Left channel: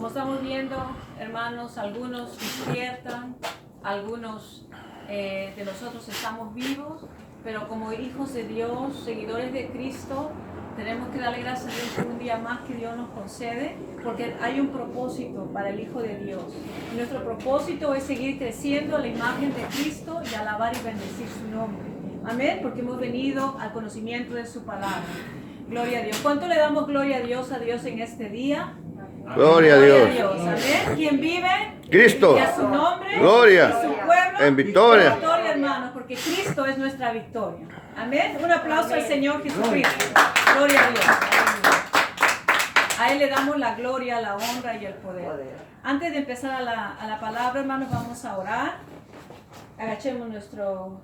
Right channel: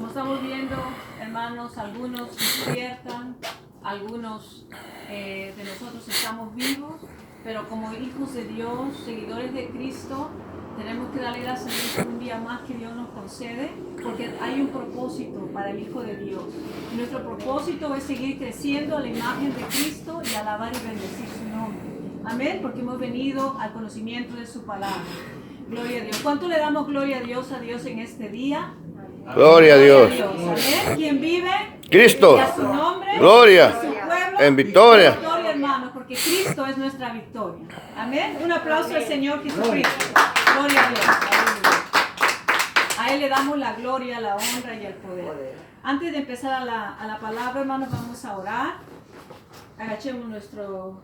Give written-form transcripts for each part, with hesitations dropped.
Como estamos viendo, hermanos, algunos despiertan, algunos de nosotros estamos vivos, pero como hijos de Dios, seguidores de Cristo, tenemos que darle gracias a Dios por un día más que Dios nos concede, porque hay un propósito para el Hijo de Dios. Y nuestro propósito es seguir creciendo a la imagen de Cristo y alabar y bendecir su nombre. Amén, porque hemos venido al conocimiento de su palabra. Gloria a Dios. ¿Cuánto le damos gloria a Dios en este día? Gloria a Dios. Amén. ¿Quién vive? Cristo. Y a su nombre. Gloria. Y su pueblo. En victoria. Victoria, hermanos, porque Cristo es nuestra victoria. Amén. Un aplauso al Señor Jesucristo. Gloria a Dios. A Él le damos la gloria, la honra y el poder. Antes de empezar a la palabra, hermanos, vamos a orar. Agachemos nuestro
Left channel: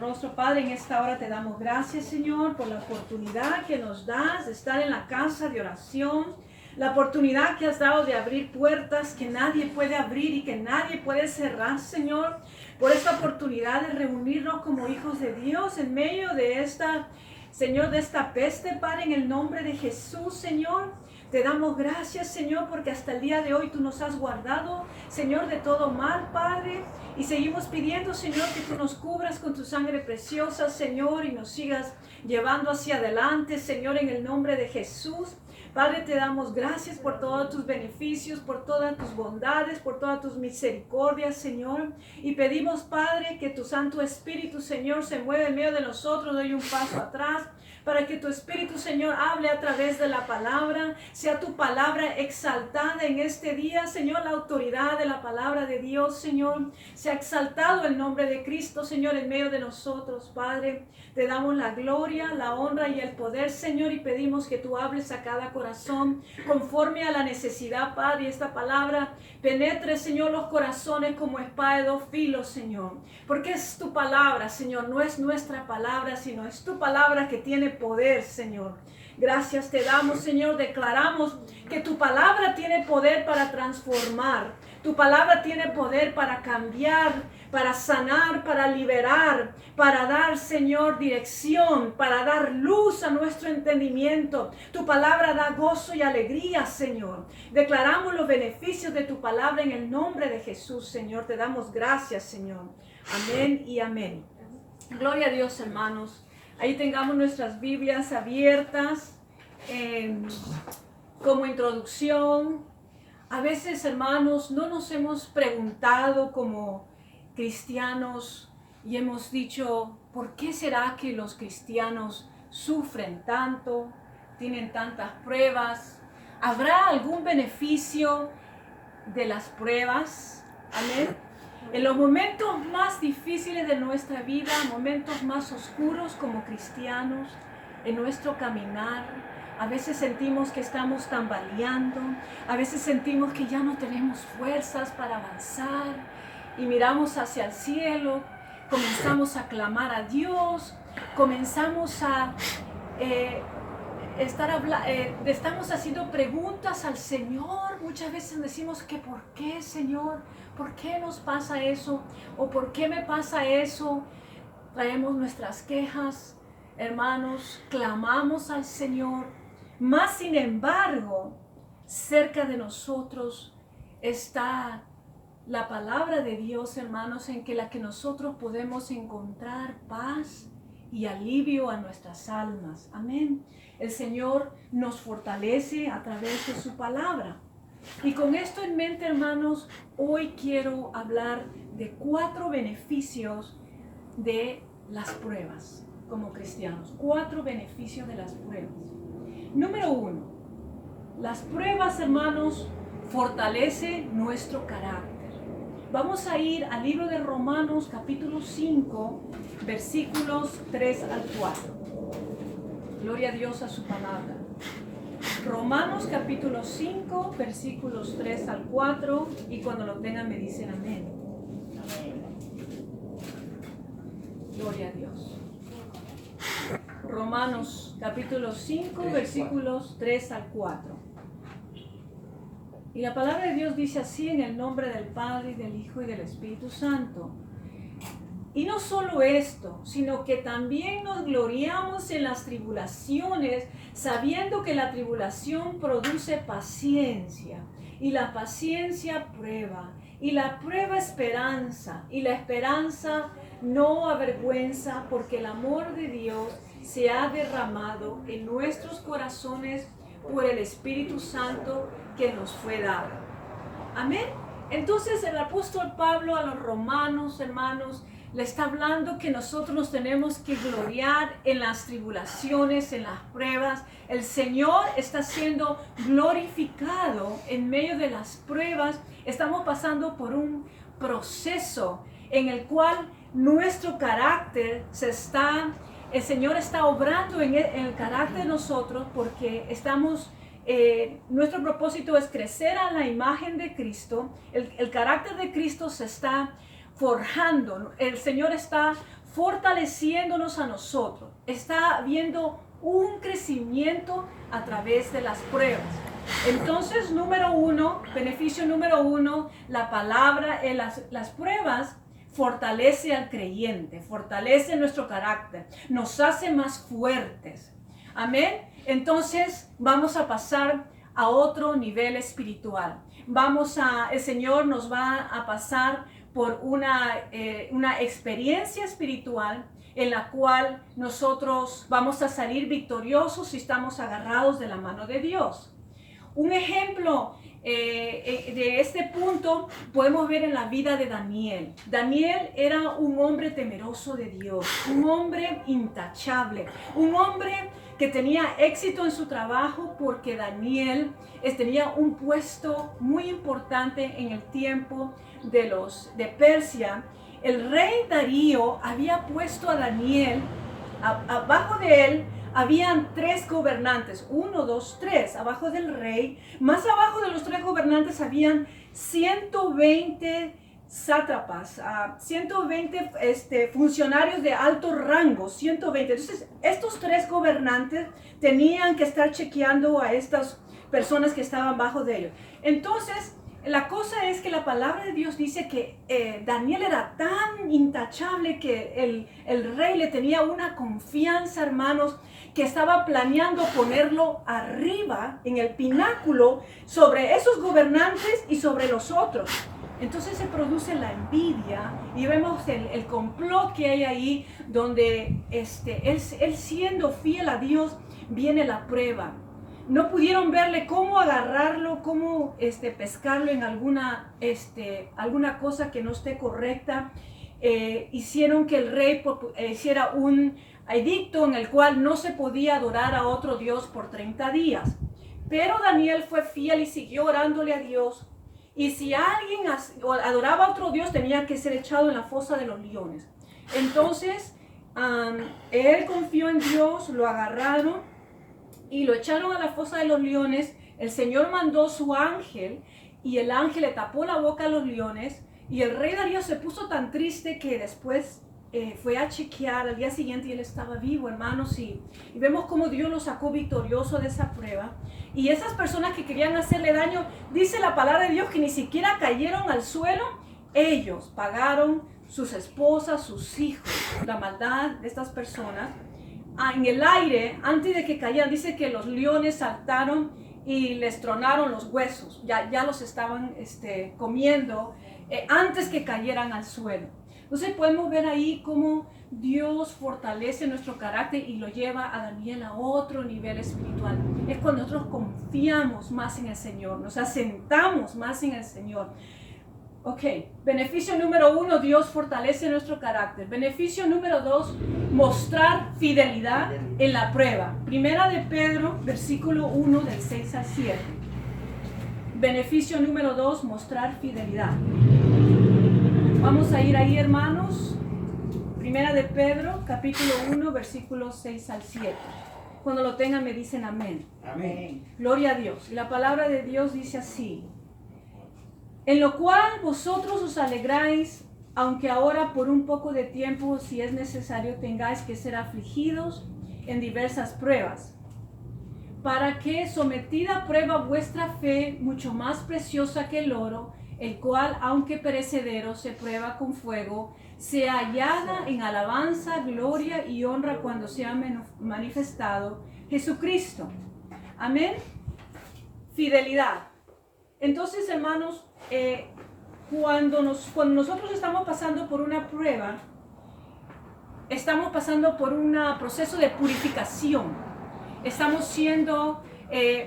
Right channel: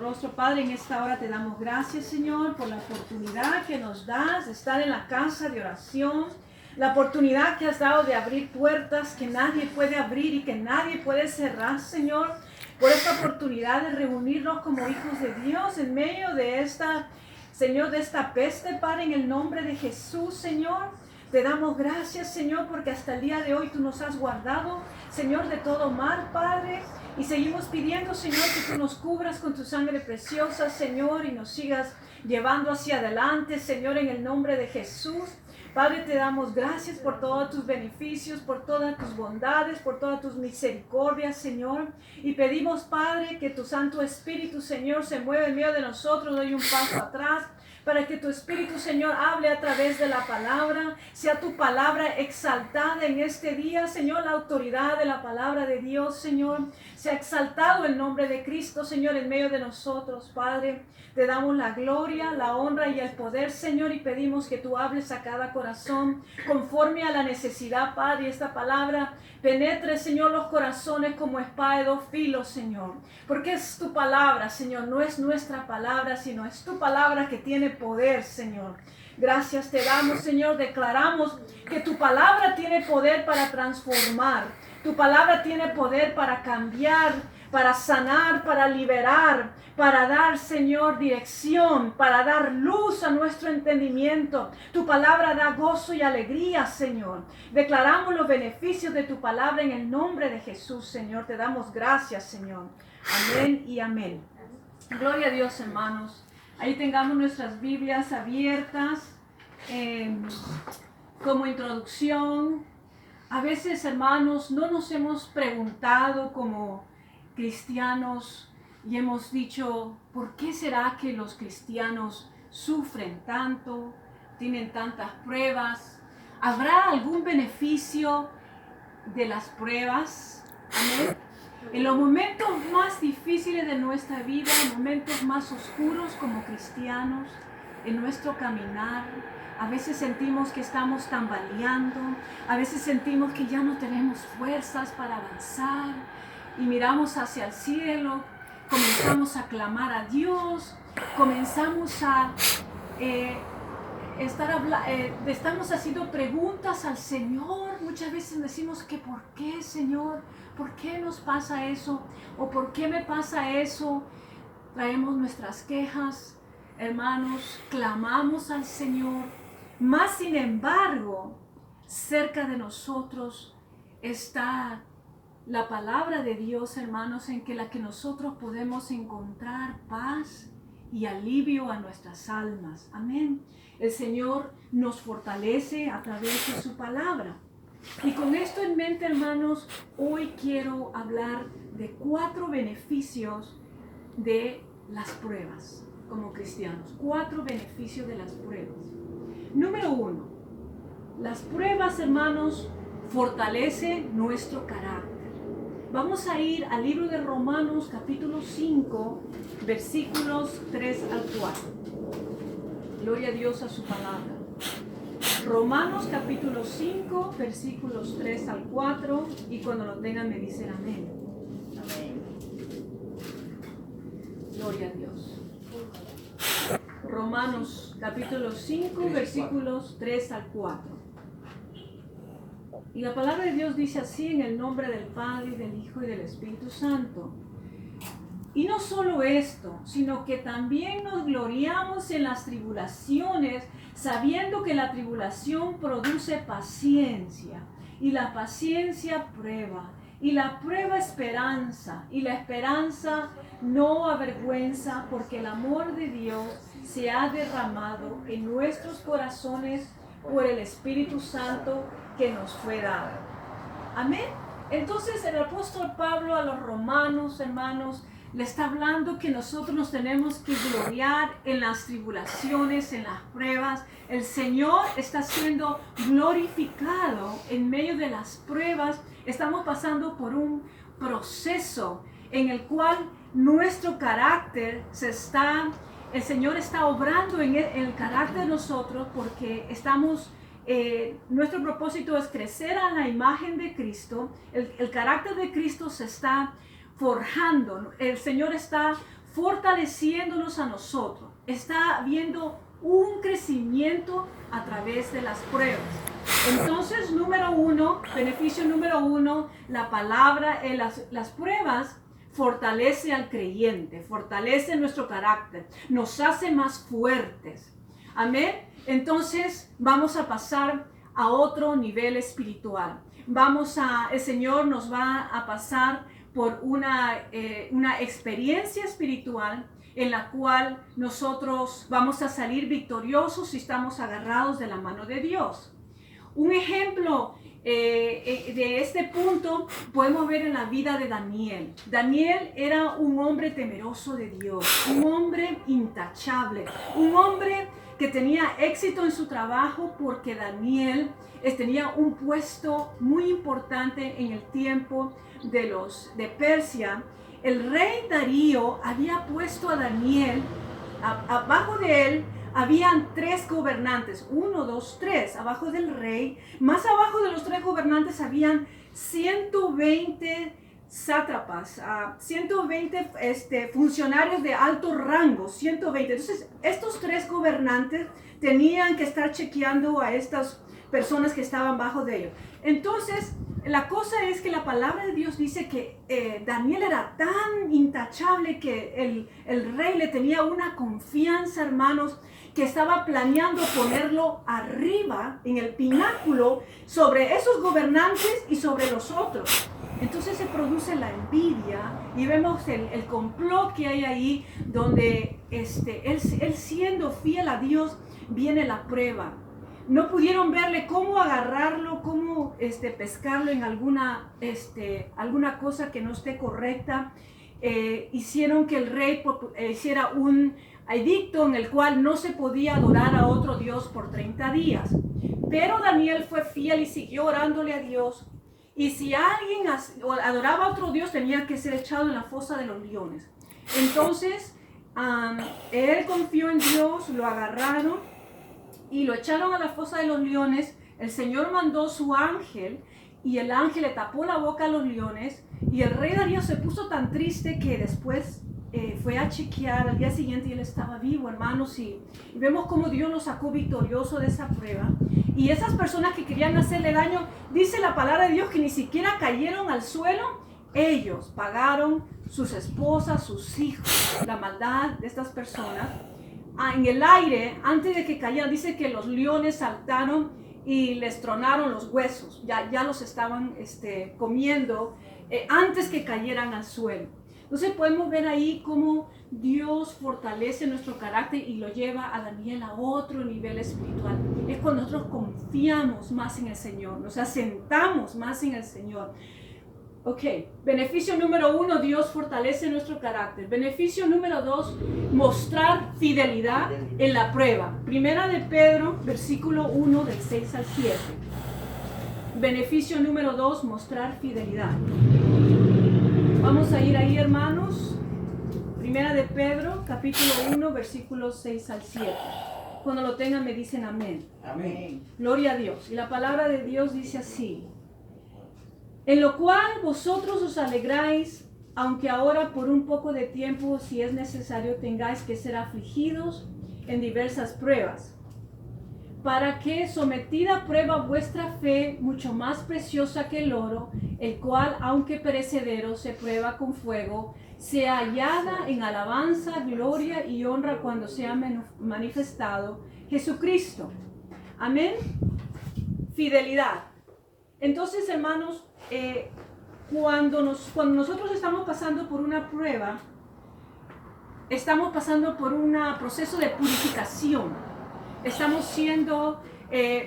rostro. Padre, en esta hora te damos gracias, Señor, por la oportunidad que nos das de estar en la casa de oración, la oportunidad que has dado de abrir puertas que nadie puede abrir y que nadie puede cerrar, Señor, por esta oportunidad de reunirnos como hijos de Dios en medio de esta, Señor, de esta peste, Padre, en el nombre de Jesús, Señor. Te damos gracias, Señor, porque hasta el día de hoy tú nos has guardado, Señor, de todo mal, Padre. Y seguimos pidiendo, Señor, que tú nos cubras con tu sangre preciosa, Señor, y nos sigas llevando hacia adelante, Señor, en el nombre de Jesús. Padre, te damos gracias por todos tus beneficios, por todas tus bondades, por todas tus misericordias, Señor. Y pedimos, Padre, que tu Santo Espíritu, Señor, se mueva en medio de nosotros, no hay un paso atrás, para que tu Espíritu, Señor, hable a través de la palabra, sea tu palabra exaltada en este día, Señor, la autoridad de la palabra de Dios, Señor, sea exaltado el nombre de Cristo, Señor, en medio de nosotros, Padre. Te damos la gloria, la honra y el poder, Señor, y pedimos que tú hables a cada corazón conforme a la necesidad, Padre. Esta palabra penetre, Señor, los corazones como espada de dos filos, Señor. Porque es tu palabra, Señor, no es nuestra palabra, sino es tu palabra que tiene poder, Señor. Gracias te damos, Señor. Declaramos que tu palabra tiene poder para transformar. Tu palabra tiene poder para cambiar, para sanar, para liberar, para dar, Señor, dirección, para dar luz a nuestro entendimiento. Tu palabra da gozo y alegría, Señor. Declaramos los beneficios de tu palabra en el nombre de Jesús, Señor. Te damos gracias, Señor. Amén y amén. Gloria a Dios, hermanos. Ahí tengamos nuestras Biblias abiertas como introducción. A veces, hermanos, no nos hemos preguntado como cristianos y hemos dicho, ¿por qué será que los cristianos sufren tanto, tienen tantas pruebas? ¿Habrá algún beneficio de las pruebas? Amén. En los momentos más difíciles de nuestra vida, momentos más oscuros como cristianos, en nuestro caminar, a veces sentimos que estamos tambaleando, a veces sentimos que ya no tenemos fuerzas para avanzar y miramos hacia el cielo, comenzamos a clamar a Dios, comenzamos a estamos haciendo preguntas al Señor. Muchas veces decimos que ¿por qué, Señor? ¿Por qué nos pasa eso? ¿O por qué me pasa eso? Traemos nuestras quejas, hermanos, clamamos al Señor. Mas, sin embargo, cerca de nosotros está la palabra de Dios, hermanos, en la que nosotros podemos encontrar paz y alivio a nuestras almas. Amén. El Señor nos fortalece a través de su palabra. Y con esto en mente, hermanos, hoy quiero hablar de 4 beneficios de las pruebas como cristianos. 4 beneficios de las pruebas. Número 1. Las pruebas, hermanos, fortalecen nuestro carácter. Vamos a ir al libro de Romanos, capítulo 5, versículos 3 al 4. Gloria a Dios a su palabra. Romanos capítulo 5, versículos 3 al 4, y cuando lo tengan me dicen amén. Amén. Gloria a Dios. Romanos capítulo 5, versículos 3 al 4. Y la palabra de Dios dice así, en el nombre del Padre, y del Hijo y del Espíritu Santo. Y no solo esto, sino que también nos gloriamos en las tribulaciones, sabiendo que la tribulación produce paciencia, y la paciencia prueba, y la prueba esperanza, y la esperanza no avergüenza, porque el amor de Dios se ha derramado en nuestros corazones por el Espíritu Santo que nos fue dado. Amén. Entonces el apóstol Pablo a los romanos, hermanos, le está hablando que nosotros nos tenemos que gloriar en las tribulaciones, en las pruebas. El Señor está siendo glorificado en medio de las pruebas. Estamos pasando por un proceso en el cual nuestro carácter el Señor está obrando en el carácter de nosotros, porque nuestro propósito es crecer a la imagen de Cristo. El carácter de Cristo se está forjando. El Señor está fortaleciéndonos a nosotros. Está habiendo un crecimiento a través de las pruebas. Entonces, beneficio número uno, la palabra en las pruebas fortalece al creyente, fortalece nuestro carácter, nos hace más fuertes. Amén. Entonces vamos a pasar a otro nivel espiritual. El Señor nos va a pasar por una experiencia espiritual en la cual nosotros vamos a salir victoriosos si estamos agarrados de la mano de Dios. Un ejemplo de este punto podemos ver en la vida de Daniel. Daniel era un hombre temeroso de Dios, un hombre intachable, un hombre que tenía éxito en su trabajo, porque Daniel tenía un puesto muy importante en el tiempo de Persia. El rey Darío había puesto a Daniel, abajo de él habían 3 gobernantes, 1, 2, 3, abajo del rey. Más abajo de los 3 gobernantes habían 120 sátrapas, 120 funcionarios de alto rango, 120. Entonces, estos 3 gobernantes tenían que estar chequeando a estas personas que estaban bajo de ellos. Entonces, la cosa es que la palabra de Dios dice que Daniel era tan intachable que el rey le tenía una confianza, hermanos, que estaba planeando ponerlo arriba, en el pináculo, sobre esos gobernantes y sobre los otros. Entonces se produce la envidia y vemos el complot que hay ahí, donde él siendo fiel a Dios, viene la prueba. No pudieron verle cómo agarrarlo, cómo pescarlo en alguna cosa que no esté correcta. Hicieron que el rey hiciera un edicto en el cual no se podía adorar a otro Dios por 30 días. Pero Daniel fue fiel y siguió orándole a Dios. Y si alguien adoraba a otro Dios, tenía que ser echado en la fosa de los leones. Entonces, él confió en Dios, lo agarraron y lo echaron a la fosa de los leones. El Señor mandó su ángel y el ángel le tapó la boca a los leones. Y el rey Darío se puso tan triste que después fue a chequear al día siguiente y él estaba vivo, hermanos. Y vemos cómo Dios lo sacó victorioso de esa prueba. Y esas personas que querían hacerle daño, dice la palabra de Dios que ni siquiera cayeron al suelo. Ellos pagaron, sus esposas, sus hijos, la maldad de estas personas. En el aire, antes de que cayeran, dice que los leones saltaron y les tronaron los huesos. Ya los estaban comiendo antes que cayeran al suelo. Entonces podemos ver ahí cómo Dios fortalece nuestro carácter y lo lleva a Daniel a otro nivel espiritual. Es cuando nosotros confiamos más en el Señor, nos asentamos más en el Señor. Ok, beneficio número 1, Dios fortalece nuestro carácter. Beneficio número 2, mostrar fidelidad en la prueba. Primera de Pedro, versículo 1, del 6 al 7. Beneficio número 2, mostrar fidelidad. Vamos a ir ahí, hermanos. Primera de Pedro, capítulo 1, versículos 6 al 7. Cuando lo tengan me dicen amén. Amén. Gloria a Dios. La palabra de Dios dice así: en lo cual vosotros os alegráis, aunque ahora por un poco de tiempo, si es necesario, tengáis que ser afligidos en diversas pruebas, para que, sometida a prueba vuestra fe, mucho más preciosa que el oro, el cual, aunque perecedero, se prueba con fuego, sea hallada en alabanza, gloria y honra cuando sea manifestado Jesucristo. Amén. Fidelidad. Entonces, hermanos, cuando nosotros estamos pasando por una prueba, estamos pasando por un proceso de purificación. Estamos siendo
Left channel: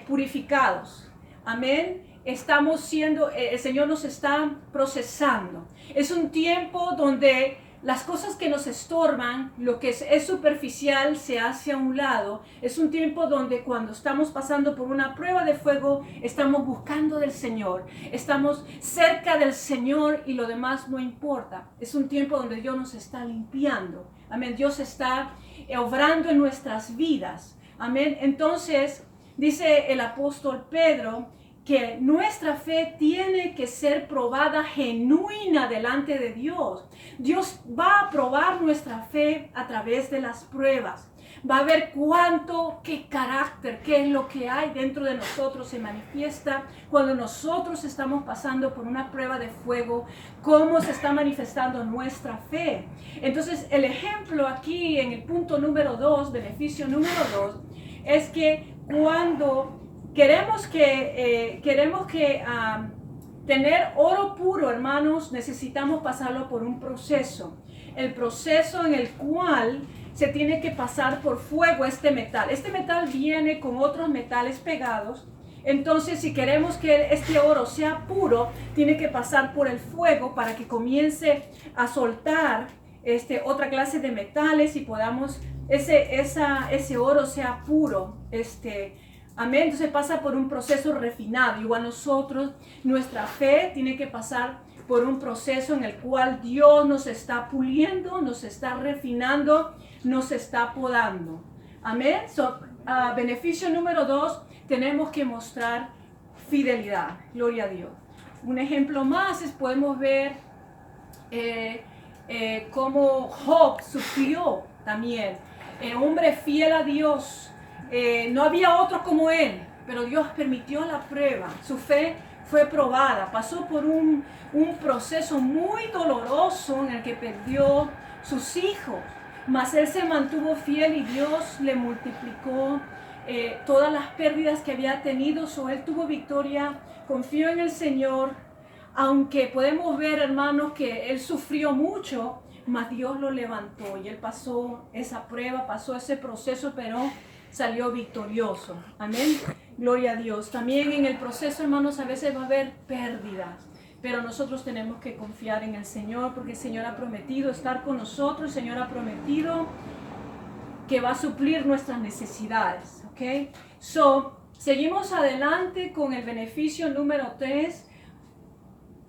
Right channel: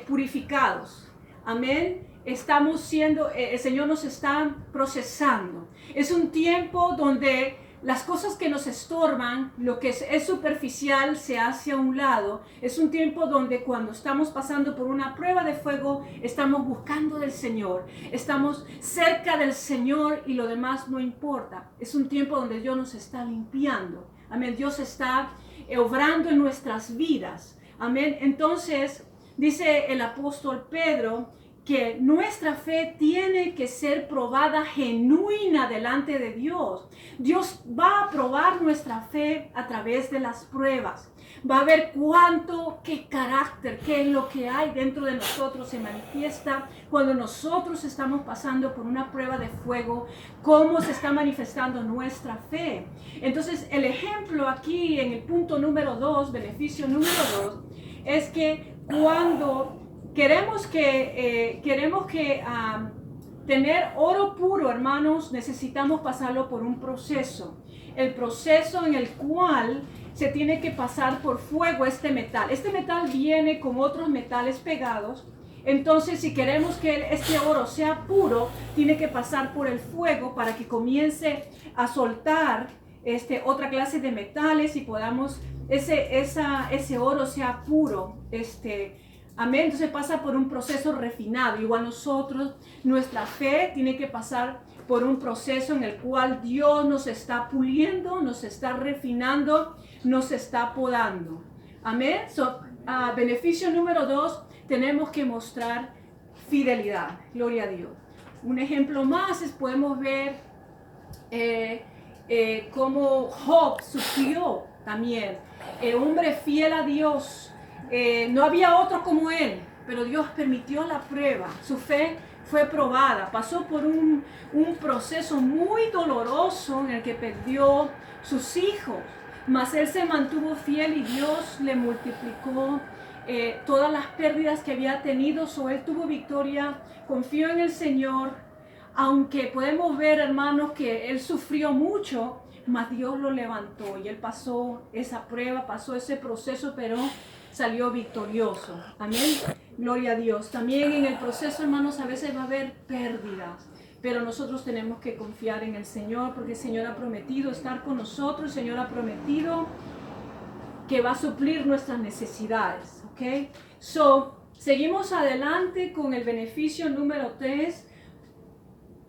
purificados. Amén. Estamos siendo, el Señor nos está procesando. Es un tiempo donde las cosas que nos estorban, lo que es superficial, se hace a un lado. Es un tiempo donde cuando estamos pasando por una prueba de fuego, estamos buscando del Señor. Estamos cerca del Señor y lo demás no importa. Es un tiempo donde Dios nos está limpiando. Amén. Dios está obrando en nuestras vidas. Amén. Entonces, dice el apóstol Pedro que nuestra fe tiene que ser probada genuina delante de Dios. Dios va a probar nuestra fe a través de las pruebas. Va a ver qué carácter, qué es lo que hay dentro de nosotros se manifiesta cuando nosotros estamos pasando por una prueba de fuego, cómo se está manifestando nuestra fe. Entonces, el ejemplo aquí en el punto número 2, beneficio número 2, es que cuando queremos que tener oro puro, hermanos, necesitamos pasarlo por un proceso. El proceso en el cual se tiene que pasar por fuego este metal. Este metal viene con otros metales pegados. Entonces, si queremos que este oro sea puro, tiene que pasar por el fuego para que comience a soltar otra clase de metales y podamos, ese oro sea puro. Amén. Entonces pasa por un proceso refinado. Igual nosotros, nuestra fe tiene que pasar por un proceso en el cual Dios nos está puliendo, nos está refinando, nos está podando. Amén. Beneficio número 2, tenemos que mostrar fidelidad. Gloria a Dios. Un ejemplo más es podemos ver cómo Job sufrió también. Hombre fiel a Dios. No había otro como él, pero Dios permitió la prueba. Su fe fue probada. Pasó por un proceso muy doloroso en el que perdió sus hijos. Mas él se mantuvo fiel y Dios le multiplicó todas las pérdidas que había tenido. Él tuvo victoria, confió en el Señor. Aunque podemos ver, hermanos, que él sufrió mucho, mas Dios lo levantó y él pasó esa prueba, pasó ese proceso, pero salió victorioso. Amén. Gloria a Dios. También en el proceso, hermanos, a veces va a haber pérdidas, pero nosotros tenemos que confiar en el Señor, porque el Señor ha prometido estar con nosotros. El Señor ha prometido que va a suplir nuestras necesidades. ¿Ok? Seguimos adelante con el beneficio número 3.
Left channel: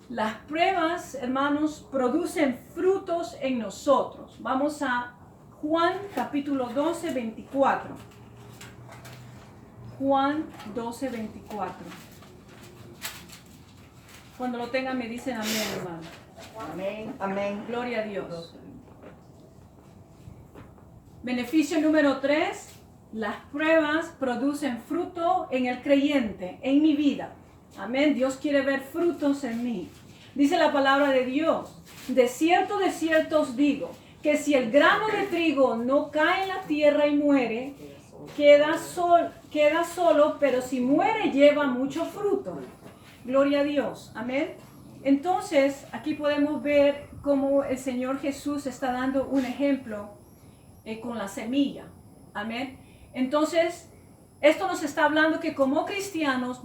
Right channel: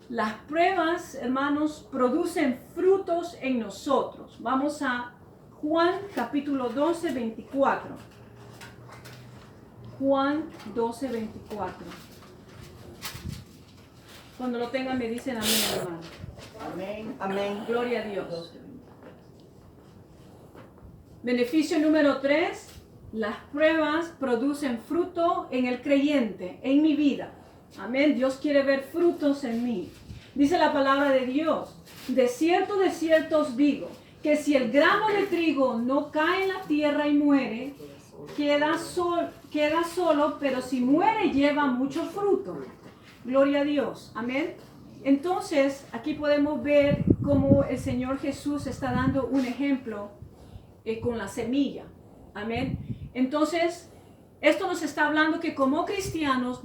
Las pruebas, hermanos, producen frutos en nosotros. Vamos a Juan capítulo 12, 24. Juan 12, 24. Cuando lo tengan me dicen amén, hermano. Amén. Amén. Gloria a Dios. Beneficio número 3. Las pruebas producen fruto en el creyente, en mi vida. Amén. Dios quiere ver frutos en mí. Dice la palabra de Dios: de cierto os digo, que si el grano de trigo no cae en la tierra y muere, queda solo, pero si muere lleva mucho fruto. Gloria a Dios. Amén. Entonces, aquí podemos ver cómo el Señor Jesús está dando un ejemplo con la semilla. Amén. Entonces, esto nos está hablando que como cristianos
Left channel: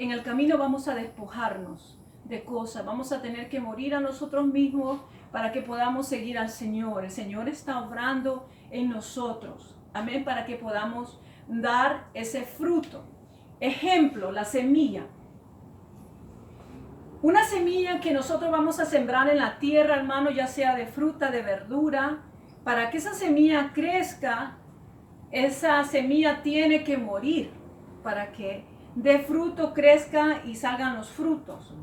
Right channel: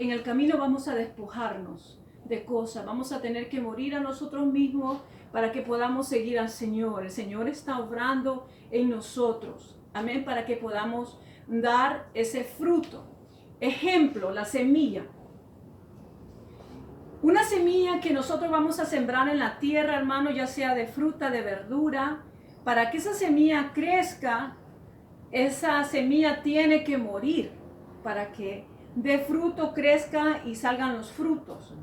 en el camino vamos a despojarnos de cosas. Vamos a tener que morir a nosotros mismos para que podamos seguir al Señor. El Señor está obrando en nosotros. Amén. Para que podamos dar ese fruto. Ejemplo, la semilla. Una semilla que nosotros vamos a sembrar en la tierra, hermano, ya sea de fruta, de verdura. Para que esa semilla crezca, esa semilla tiene que morir para que dé fruto, crezca y salgan los frutos.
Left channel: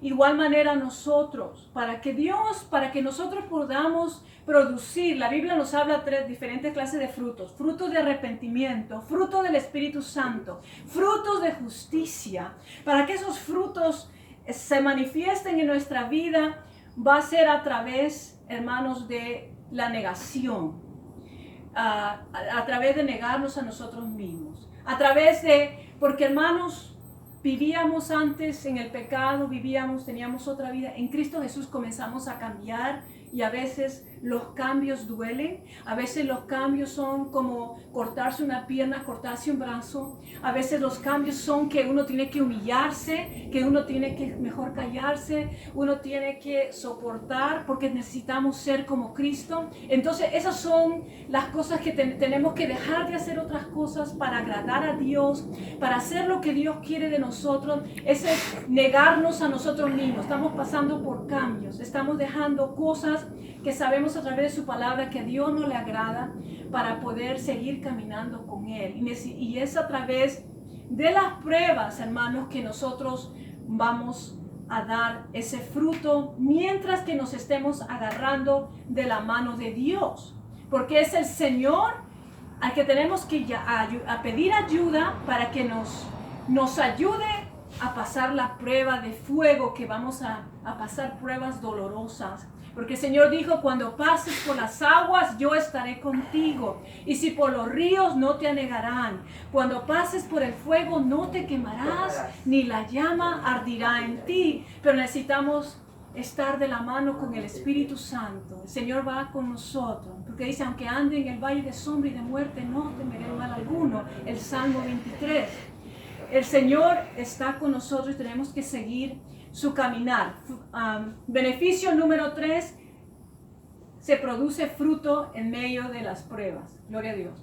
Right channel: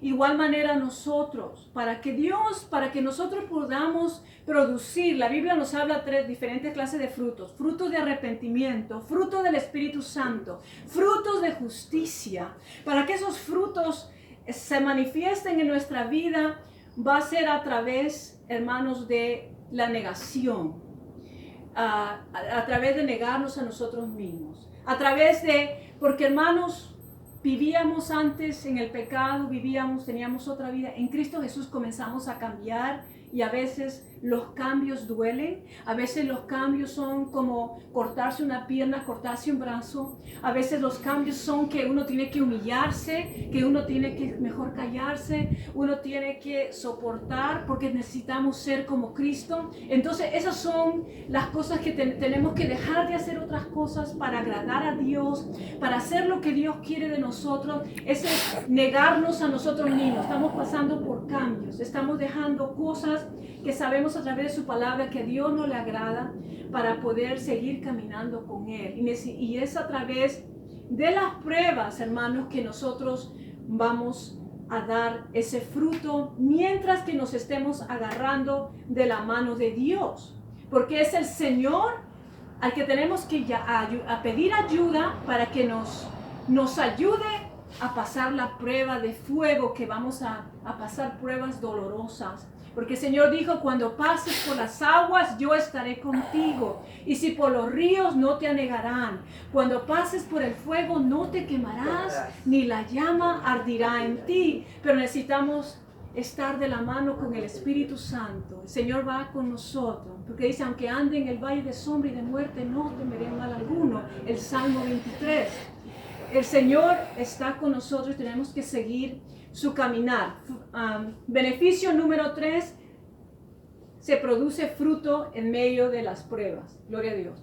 Igual manera nosotros, para que nosotros podamos producir, la Biblia nos habla de 3 diferentes clases de frutos: frutos de arrepentimiento, fruto del Espíritu Santo, frutos de justicia. Para que esos frutos se manifiesten en nuestra vida, va a ser a través hermanos, de la negación, a través de negarnos a nosotros mismos, a través de, porque hermanos, vivíamos antes en el pecado, teníamos otra vida. En Cristo Jesús comenzamos a cambiar y a veces los cambios duelen. A veces los cambios son como cortarse una pierna, cortarse un brazo. A veces los cambios son que uno tiene que humillarse, que uno tiene que mejor callarse, uno tiene que soportar porque necesitamos ser como Cristo. Entonces esas son las cosas que tenemos que dejar de hacer otras cosas para agradar a Dios, para hacer lo que Dios quiere de nosotros. Ese es negarnos a nosotros mismos. Estamos pasando por cambios, estamos dejando cosas que sabemos a través de su palabra que a Dios no le agrada para poder seguir caminando con Él. Y es a través de las pruebas, hermanos, que nosotros vamos a dar ese fruto mientras que nos estemos agarrando de la mano de Dios. Porque es el Señor al que tenemos que a pedir ayuda para que nos ayude a pasar la prueba de fuego, que vamos a pasar pruebas dolorosas. Porque el Señor dijo, cuando pases por las aguas, yo estaré contigo. Y si por los ríos, no te anegarán. Cuando pases por el fuego, no te quemarás, ni la llama ardirá en ti. Pero necesitamos estar de la mano con el Espíritu Santo. El Señor va con nosotros. Porque dice, aunque ande en el valle de sombra y de muerte, no temeré mal alguno. El Salmo 23. El Señor está con nosotros y tenemos que seguir su caminar. Beneficio número 3, se produce fruto en medio de las pruebas. Gloria a Dios.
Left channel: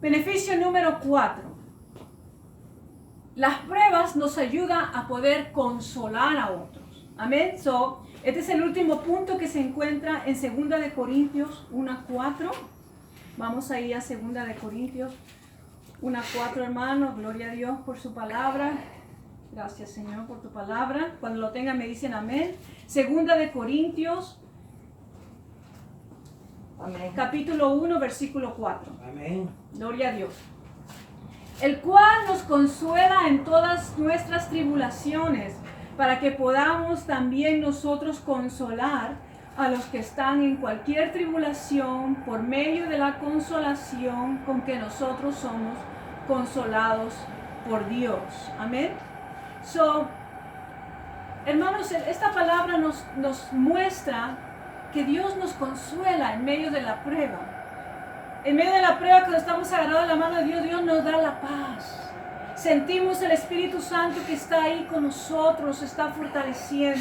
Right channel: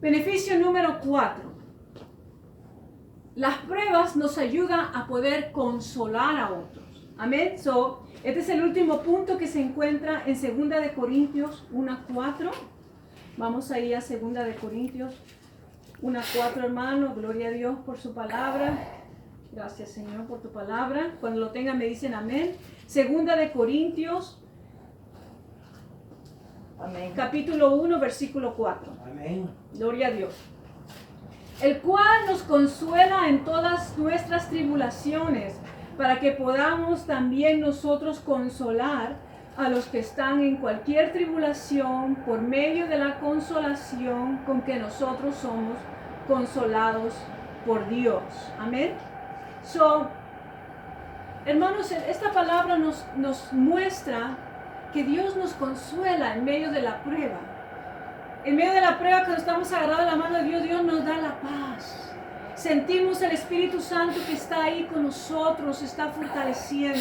Beneficio número 4, las pruebas nos ayudan a poder consolar a otros. Amén. Este es el último punto que se encuentra en 2 de Corintios 1:4. Vamos a ir a 2 de Corintios 1:4, hermano. Gloria a Dios por su palabra. Gracias, Señor, por tu palabra. Cuando lo tengan me dicen amén. 2 de Corintios, Amén. capítulo 1, versículo 4. Amén. Gloria a Dios. El cual nos consuela en todas nuestras tribulaciones, para que podamos también nosotros consolar a los que están en cualquier tribulación por medio de la consolación con que nosotros somos consolados por Dios. Amén. Hermanos, esta palabra nos muestra que Dios nos consuela en medio de la prueba. En medio de la prueba, cuando estamos agarrados a la mano de Dios, Dios nos da la paz. Sentimos el Espíritu Santo que está ahí con nosotros, está fortaleciendo.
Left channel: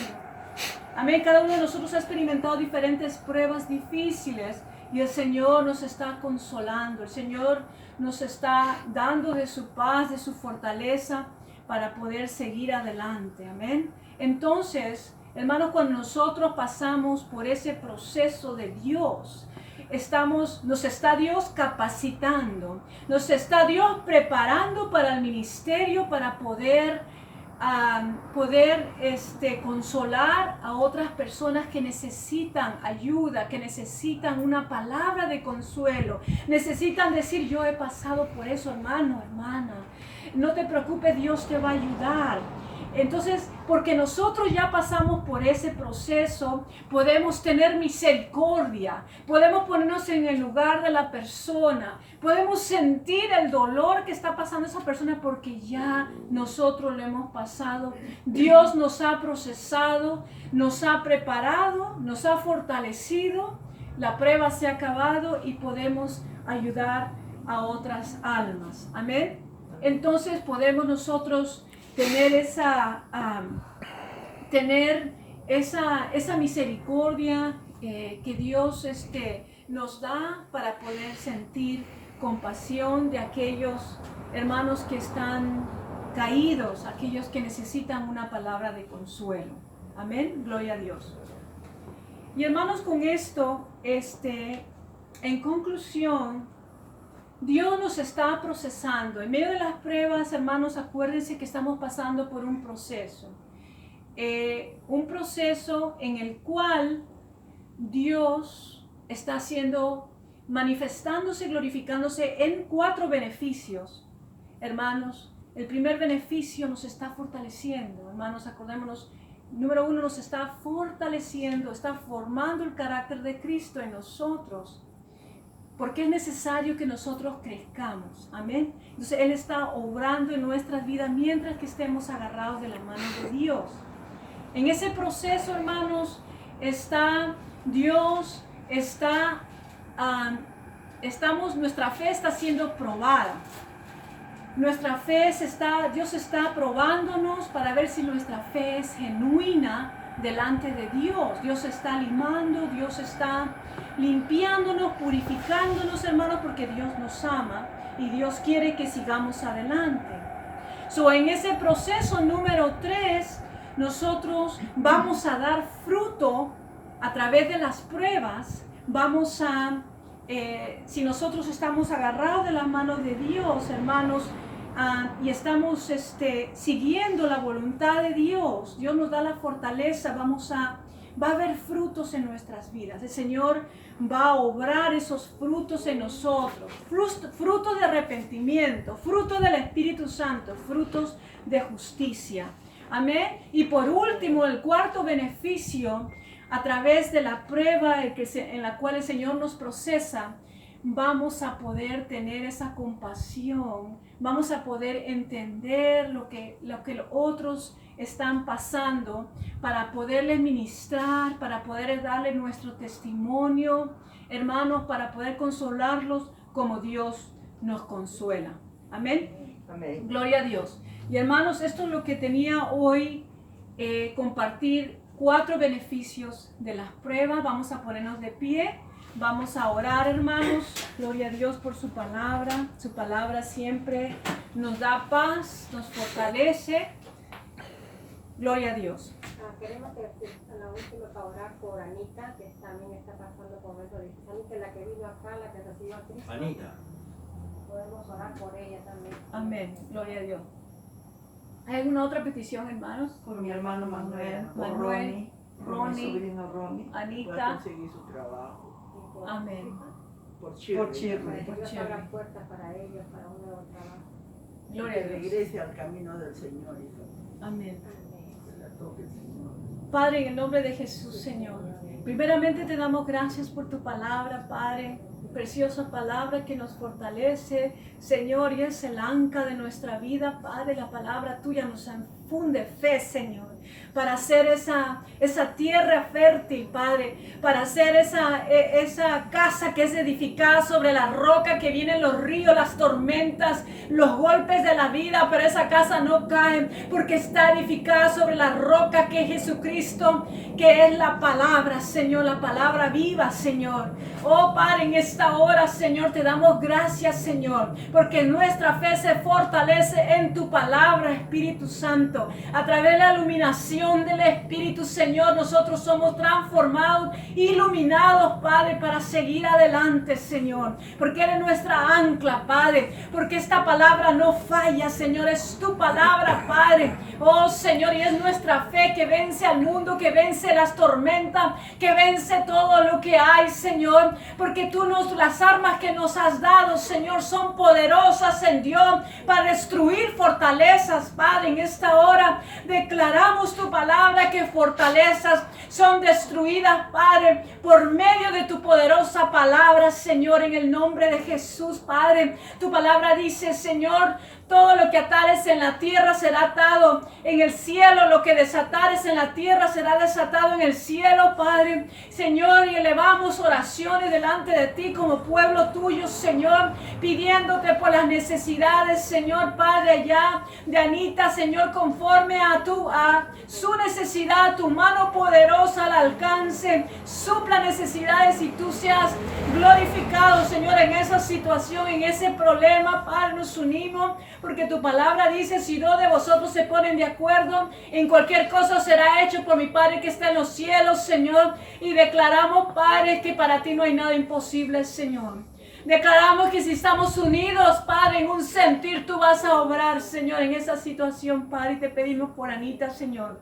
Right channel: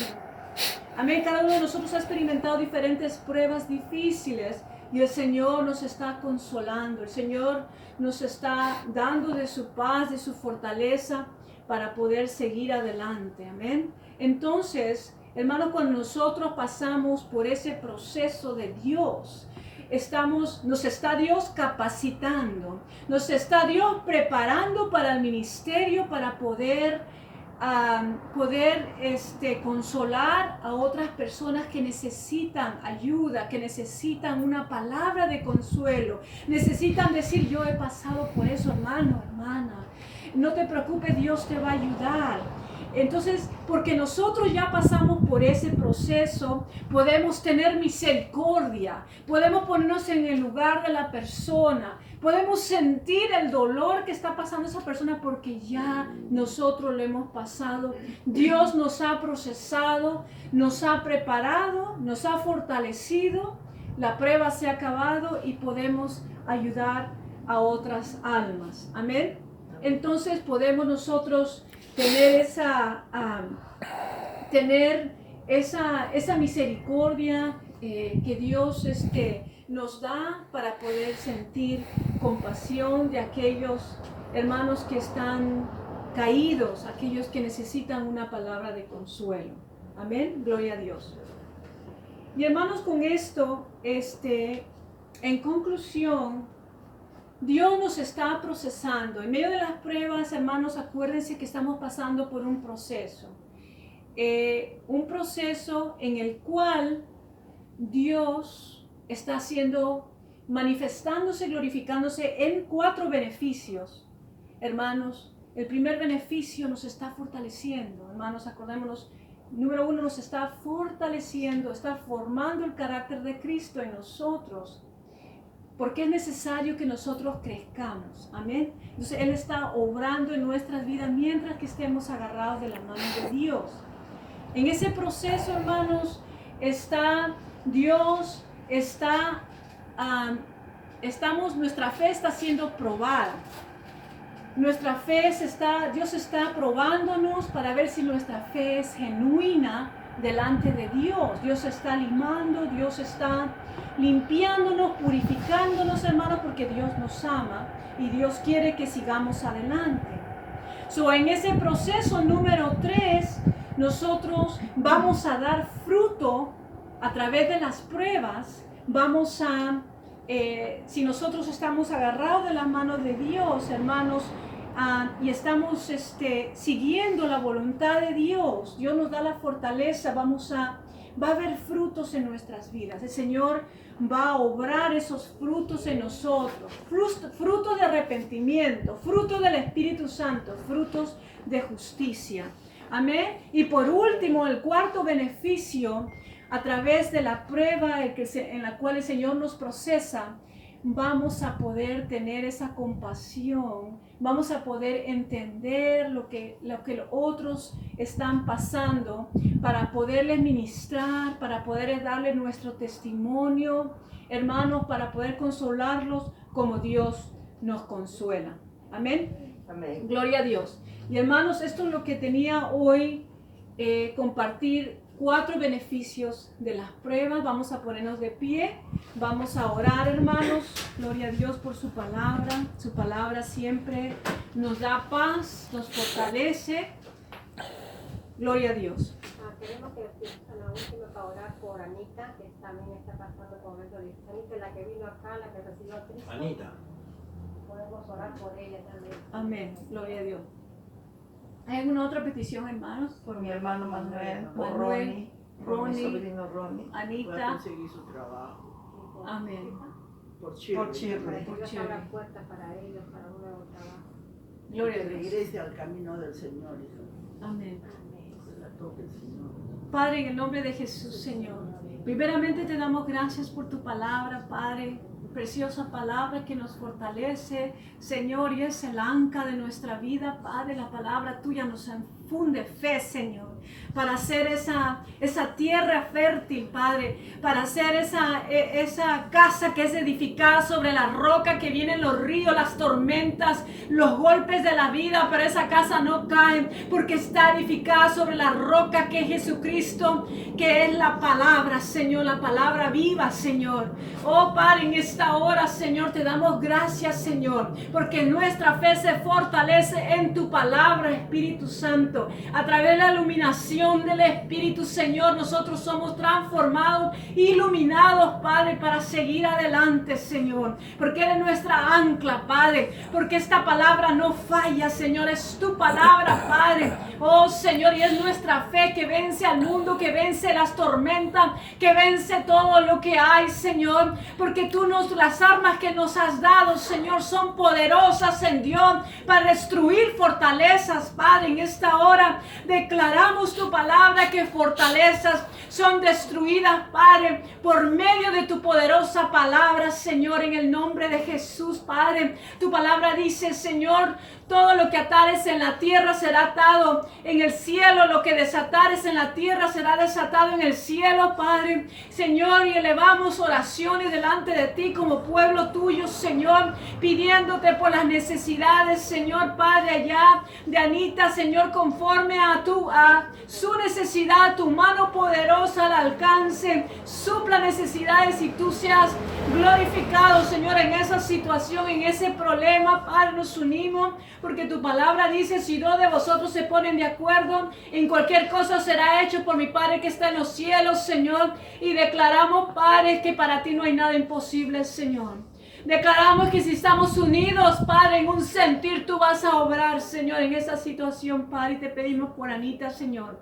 Amén. Cada uno de nosotros ha experimentado diferentes pruebas difíciles y el Señor nos está consolando. El Señor nos está dando de su paz, de su fortaleza para poder seguir adelante. Amén. Entonces, hermanos, cuando nosotros pasamos por ese proceso de Dios, nos está Dios capacitando, nos está Dios preparando para el ministerio, para poder consolar a otras personas que necesitan ayuda, que necesitan una palabra de consuelo, necesitan decir, yo he pasado por eso, hermano, hermana, no te preocupes, Dios te va a ayudar. Entonces, porque nosotros ya pasamos por ese proceso, podemos tener misericordia, podemos ponernos en el lugar de la persona, podemos sentir el dolor que está pasando esa persona porque ya nosotros lo hemos pasado. Dios nos ha procesado, nos ha preparado, nos ha fortalecido, la prueba se ha acabado y podemos ayudar a otras almas. Amén. Entonces podemos nosotros tener esa misericordia que Dios nos da para poder sentir compasión de aquellos hermanos que están caídos, aquellos que necesitan una palabra de consuelo. Amén, gloria a Dios. Y hermanos, con esto, en conclusión, Dios nos está procesando. En medio de las pruebas, hermanos, acuérdense que estamos pasando por un proceso en el cual Dios está manifestándose, glorificándose en 4 beneficios. Hermanos, el primer beneficio nos está fortaleciendo. Hermanos, acordémonos número uno, nos está fortaleciendo, está formando el carácter de Cristo en nosotros. Porque es necesario que nosotros crezcamos. Amén. Entonces Él está obrando en nuestras vidas mientras que estemos agarrados de la mano de Dios. En ese proceso, hermanos, está Dios, nuestra fe está siendo probada. Nuestra fe Dios está probándonos para ver si nuestra fe es genuina delante de Dios. Dios está limando, Dios está limpiándonos, purificándonos, hermanos, porque Dios nos ama y Dios quiere que sigamos adelante. En ese proceso número 3, nosotros vamos a dar fruto a través de las pruebas. Si nosotros estamos agarrados de la mano de Dios, hermanos, y estamos siguiendo la voluntad de Dios, Dios nos da la fortaleza, va a haber frutos en nuestras vidas. El Señor va a obrar esos frutos en nosotros, frutos de arrepentimiento, frutos del Espíritu Santo, frutos de justicia. Amén. Y por último, el cuarto beneficio, a través de la prueba en la cual el Señor nos procesa, vamos a poder tener esa compasión, vamos a poder entender lo que los otros están pasando, para poderles ministrar, para poder darle nuestro testimonio, hermanos, para poder consolarlos como Dios nos consuela. Amén. Amén. Gloria a Dios. Y hermanos, esto es lo que tenía hoy, compartir 4 beneficios de las pruebas. Vamos a ponernos de pie, vamos a orar, hermanos. Gloria a Dios por su palabra. Su palabra siempre nos da paz, nos fortalece. Gloria a Dios. Queremos que a la última para orar por Anita, que también está pasando por momentos difíciles. Anita es la que vino acá, la que recibió a Cristo. Anita. Podemos orar por ella también. Amén. Gloria a Dios. ¿Hay alguna otra petición, hermanos? Por mi hermano Manuel, por Manuel, Ronnie, mi sobrino Ronnie. Pueda Anita. conseguir su trabajo. Y por Amén. Por Chile. Por Chile. Para que Por Dios Chile. abra puertas para ellos, para un nuevo trabajo. Gloria Que a Dios. regrese al camino del Señor, hijo. Amén. Amén. Se la toque el Señor. Padre, en el nombre de Jesús, Señor, primeramente te damos gracias por tu palabra, Padre, preciosa palabra que nos fortalece, Señor, y es el ancla de nuestra vida, Padre. La palabra tuya nos infunde fe, Señor, para hacer esa tierra fértil, Padre, para hacer esa casa que es edificada sobre la roca, que vienen los ríos, las tormentas, los golpes de la vida, pero esa casa no cae porque está edificada sobre la roca que es Jesucristo, que es la palabra, Señor, la palabra viva, Señor. Oh, Padre, en esta hora, Señor, te damos gracias, Señor, porque nuestra fe se fortalece en tu palabra, Espíritu Santo. A través de la iluminación del Espíritu, Señor, nosotros somos transformados, iluminados, Padre, para seguir adelante, Señor, porque eres nuestra ancla, Padre, porque esta palabra no falla, Señor, es tu palabra, Padre. Oh, Señor, y es nuestra fe que vence al mundo, que vence las tormentas, que vence todo lo que hay, Señor, porque las armas que nos has dado, Señor, son poderosas en Dios para destruir fortalezas, Padre. En esta hora declaramos tu palabra, que fortalezas son destruidas, Padre, por medio de tu poderosa palabra, Señor, en el nombre de Jesús, Padre. Tu palabra dice, Señor, todo lo que atares en la tierra será atado en el cielo, lo que desatares en la tierra será desatado en el cielo, Padre. Señor, y elevamos oraciones delante de ti como pueblo tuyo, Señor, pidiéndote por las necesidades, Señor, Padre, allá de Anita, Señor, conforme a su necesidad, tu mano poderosa al alcance, supla necesidades y tú seas glorificado, Señor, en esa situación, en ese problema, Padre. Nos unimos porque tu palabra dice, si 2 de vosotros se ponen de acuerdo, en cualquier cosa será hecho por mi Padre que está en los cielos, Señor. Y declaramos, Padre, que para ti no hay nada imposible, Señor. Declaramos que si estamos unidos, Padre, en un sentir, tú vas a obrar, Señor, en esa situación, Padre. Y te pedimos por Anita, Señor.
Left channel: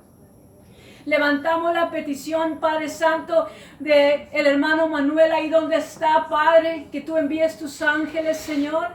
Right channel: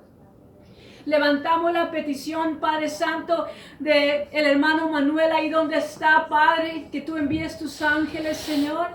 Levantamos la petición, Padre Santo, de el hermano Manuel ahí donde está, Padre, que tú envíes tus ángeles, Señor,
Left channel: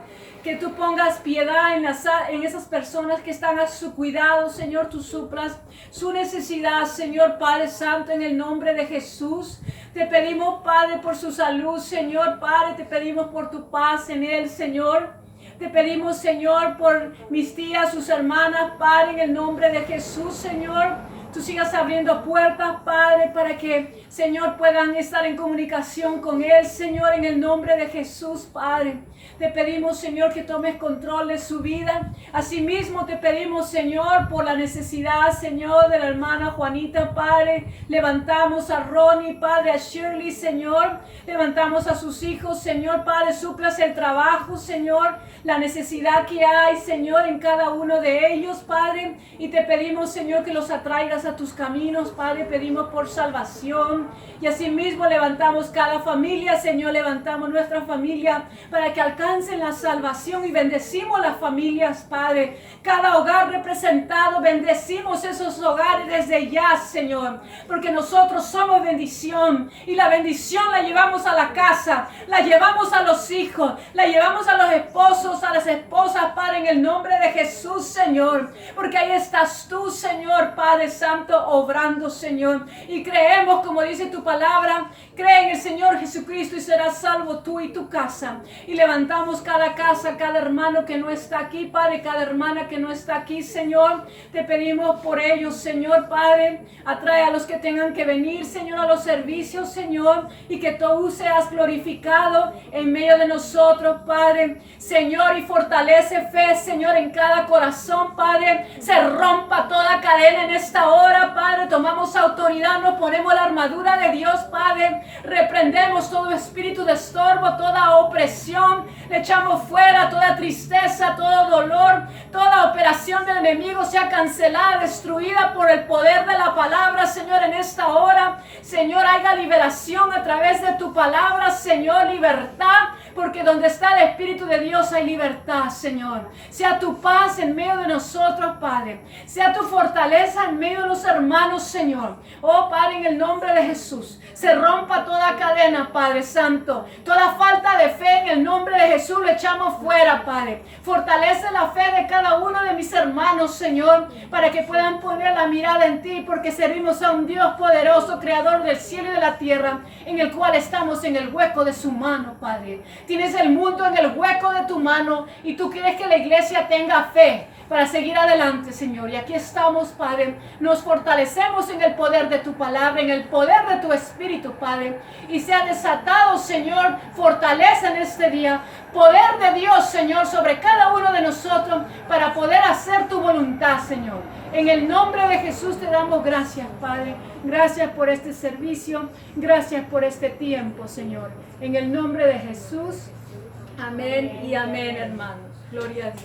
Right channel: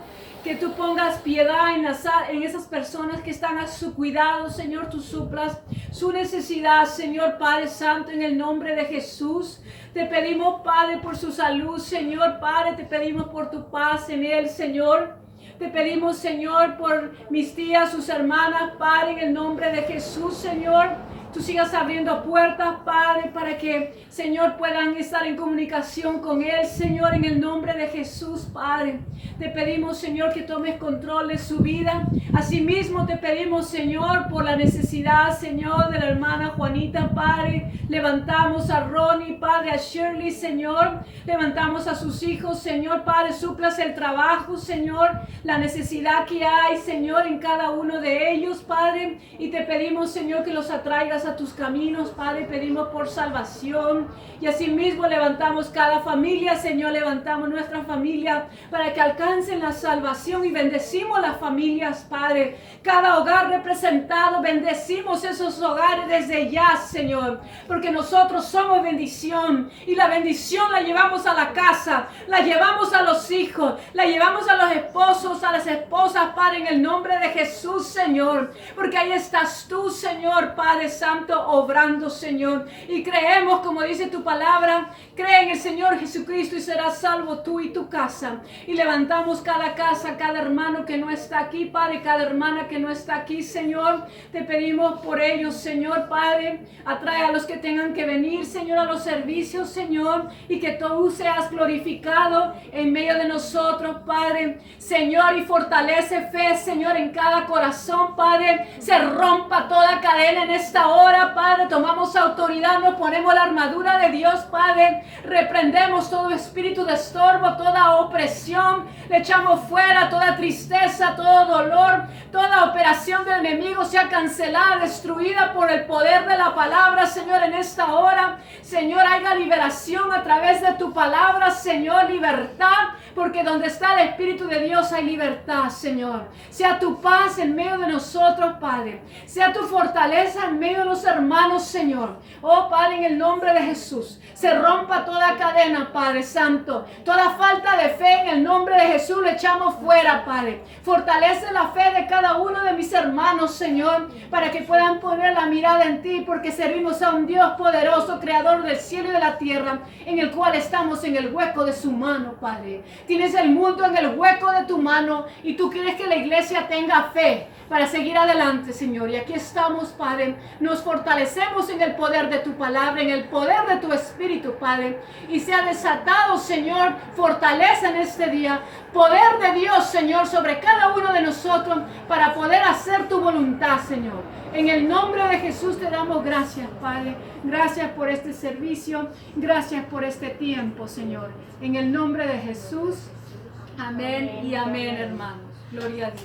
que tú pongas piedad en esas personas que están a su cuidado, Señor, tú suplas su necesidad, Señor Padre Santo, en el nombre de Jesús. Te pedimos, Padre, por su salud, Señor Padre, te pedimos por tu paz en él, Señor. Te pedimos, Señor, por mis tías, sus hermanas, Padre, en el nombre de Jesús, Señor. Tú sigas abriendo puertas, Padre, para que, Señor, puedan estar en comunicación con Él, Señor, en el nombre de Jesús, Padre. Te pedimos, Señor, que tomes control de su vida. Asimismo, te pedimos, Señor, por la necesidad, Señor, de la hermana Juanita, Padre. Levantamos a Ronnie, Padre, a Shirley, Señor. Levantamos a sus hijos, Señor, Padre. Suplas el trabajo, Señor, la necesidad que hay, Señor, en cada uno de ellos, Padre. Y te pedimos, Señor, que los atraigas a tus caminos, Padre. Pedimos por salvación. Y asimismo levantamos cada familia, Señor. Levantamos nuestra familia para que alcancen la salvación y bendecimos las familias, Padre. Cada hogar representado, bendecimos esos hogares desde ya, Señor, porque nosotros somos bendición y la bendición la llevamos a la casa, la llevamos a los hijos, la llevamos a los esposos, a las esposas, Padre, en el nombre de Jesús, Señor, porque ahí estás tú, Señor, Padre Santo, obrando, Señor, y creemos, como dice tu palabra, cree en el Señor Jesucristo y serás salvo tú y tu casa. Y levantamos cada casa, cada hermano que no está aquí, Padre, cada hermana que no está aquí, Señor. Te pedimos por ellos, Señor, Padre. Atrae a los que tengan que venir, Señor, a los servicios, Señor. Y que tú seas glorificado en medio de nosotros, Padre. Señor, y fortalece fe, Señor, en cada corazón, Padre. Se rompa toda cadena en esta hora, Padre. Tomamos autoridad, nos ponemos la armadura de Dios, Padre. Reprendemos todo espíritu de estorbo, toda opresión, le echamos fuera toda tristeza, todo dolor, toda operación del enemigo sea cancelada, destruida por el poder de la palabra, Señor, en esta hora. Señor, haya liberación a través de tu palabra, Señor, libertad, porque donde está el Espíritu de Dios hay libertad, Señor. Sea tu paz en medio de nosotros, Padre. Sea tu fortaleza en medio de los hermanos, Señor. Oh, Padre, en el nombre de Jesús, se rompa toda cadena, Padre Santo. Toda falta de fe en el nombre de Jesús lo echamos fuera, Padre. Fortalece la fe de cada uno de mis hermanos, Señor, para que puedan poner la mirada en ti, porque servimos a un Dios poderoso, creador del cielo y de la tierra, en el cual estamos en el hueco de su mano, Padre. Tienes el mundo en el hueco de tu mano y tú quieres que la iglesia tenga fe para seguir adelante, Señor. Y aquí estamos, Padre. Nos fortalecemos en el poder de tu palabra, en el poder de tu Espíritu, Padre. Y sea desatado, Señor, fortaleza en este día. Poder de Dios, Señor, sobre cada uno de nosotros para poder hacer tu voluntad, Señor. En el nombre de Jesús te damos gracias, Padre. Gracias por este servicio. Gracias por este tiempo, Señor. En el nombre de Jesús. Amén y amén, hermanos. Gloria a Dios.